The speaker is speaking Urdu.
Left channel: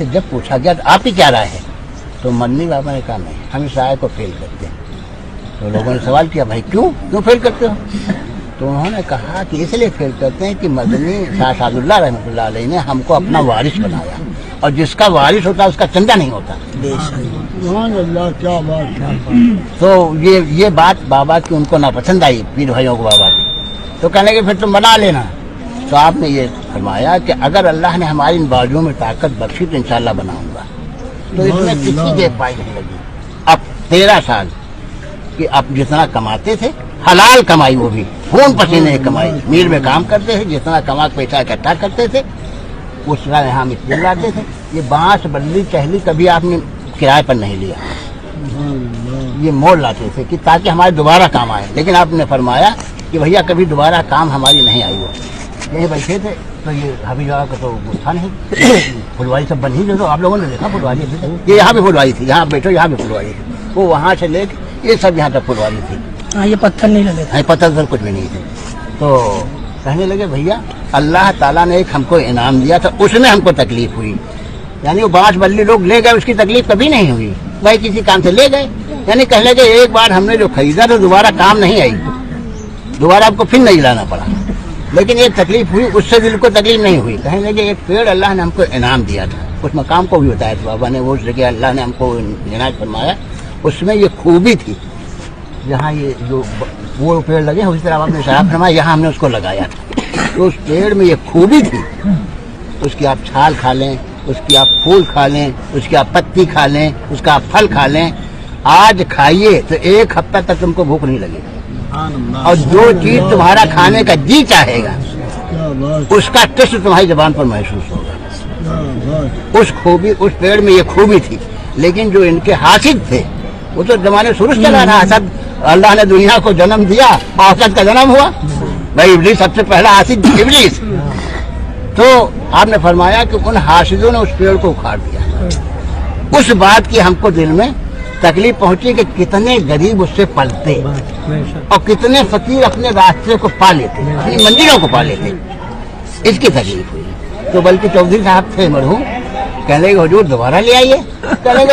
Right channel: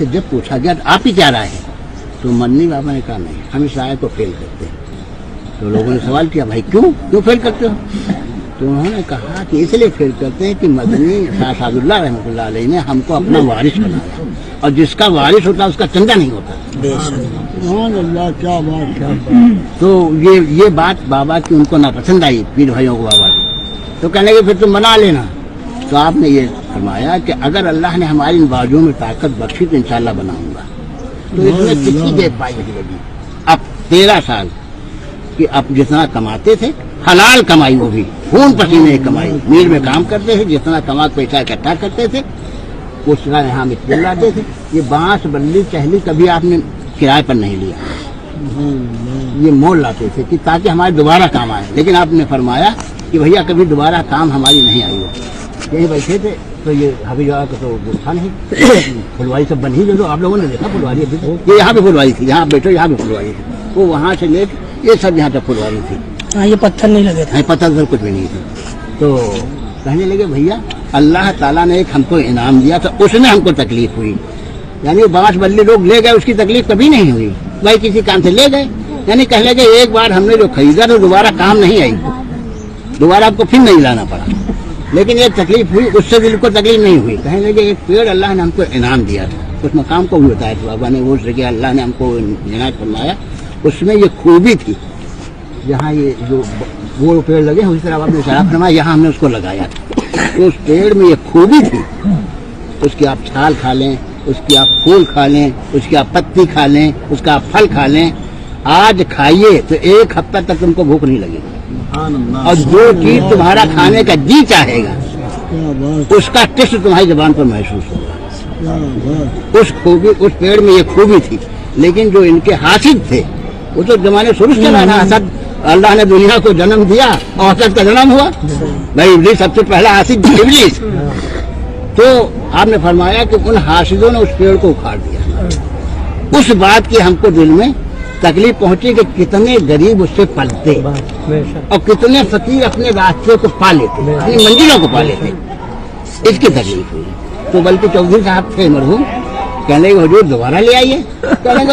پھر جب پوچھا گیا تو آپ کی کیا رائے ہے تو ممنی بابا نے کہا نہیں ہم اس رائے کو فیل کرتے ہیں. تو لوگوں نے سوال کیا بھائی کیوں فیل کرتے ہو؟ تو انہوں نے کہا کہ اس لیے فیل کرتے ہیں کہ مدنی شاہ شاد اللہ رحمۃ اللہ علیہ نے ہم کو اپنا وارث بنایا اور جس کا وارث ہوتا ہے اس کا چندہ نہیں ہوتا. تو یہ بات بابا کی ان کو ناپسند آئی پیر بھائیوں کو بابا کی. تو کہنے لگے پھر تم بنا لینا. تو آپ نے یہ فرمایا کہ اگر اللہ نے ہماری ان بازوؤں میں طاقت بخشی تو انشاءاللہ بناؤں گا. تو اس میں کسی کے پائی نہیں لگی. اب 13 سال کہ اب جتنا کماتے تھے حلال کمائی وہ بھی خون پسینے کی کمائی میل میں کام کرتے تھے جتنا کما پیسہ اکٹھا کرتے تھے اس طرح یہاں مستری لاتے تھے. یہ بانس بلی ٹہلی کبھی آپ نے کرائے پر نہیں لیا. یہ مول لاتے تھے کہ تاکہ ہمارے دوبارہ کام آئے. لیکن آپ نے فرمایا کہ بھیا کبھی دوبارہ کام ہماری نہیں آئی. وہ یہیں بیٹھے تھے تو یہ حبی جواب کا تو تھا نہیں پھلواری سب بن ہی جو آپ لوگوں نے دیکھا پھلواری یہ یہاں پہ پھلواری تھی. یہاں بیٹھو یہاں پہ پھلواری تھی. وہ وہاں سے لے کے یہ سب یہاں تک پھلواری تھی. یہ پتھر نہیں لگے تھے. پتھر پر کچھ بھی نہیں تھے. تو کہنے لگے بھیا اللہ تعالیٰ نے ایک ہم کو انعام دیا تھا اس میں ہم کو تکلیف ہوئی. یعنی وہ بانس بلی لوگ لے گئے اس کی تکلیف کبھی نہیں ہوئی. بھائی کسی کام سے لے گئے یعنی کہنے لگے ایک بار ہم نے جو خریدا تو دوبارہ کام نہیں آئی دوبارہ آپ کو پھر نہیں لانا پڑا. لیکن یہ تکلیف ہوئی اس سے دل کو تکلیف نہیں ہوئی. کہنے لگے ایک پیڑ اللہ نے ہم کو انعام دیا تھا. اس مقام کو بھی بتایا تھا بابا نے وہ جگہ اللہ نے ہم کو عنایت فرمایا اس میں یہ خوبی تھی. جہاں یہ جو وہ پیڑ لگے اسی طرح آپ نے شراب فرمایا یہاں ہم نے اس کو لگایا تھا. تو اس پیڑ میں یہ خوبی تھی اس کی آپ چھال کھا لیں اس کی آپ پھول کھا لیں اس کی آپ پتی کھا لیں اس کا آپ پھل کھا لیں. آج کھائیے تو 1 ہفتہ تک تم کو بھوک نہیں لگے گی اور جو چیز تمہارا کھانے کا جی چاہے گا اس کا ٹیسٹ تمہاری زبان پر محسوس ہوگا. اس پیڑ میں یہ خوبی تھی. لیکن جو ان کے حاسد تھے وہ تو زمانے شروع سے چلا رہا. حسد اللہ نے دنیا کو جنم دیا حسد کا جنم ہوا. بھائی ابلیس سب سے پہلا حاسد ابلیس. تو آپ نے فرمایا کہ ان حاسدوں نے اس پیڑ کو اکھاڑ دیا. اس بات کی ہم کو دل میں تکلیف پہنچی کہ کتنے غریب اس سے پلتے اور کتنے فقیر اپنے راستے کو پا لیتے منزلوں کو پا لیتے. اس کی تکلیف ہوئی. تو بلکہ چودھری صاحب تھے مرحوم کہنے کے حضور دوبارہ لے آئیے. کہنے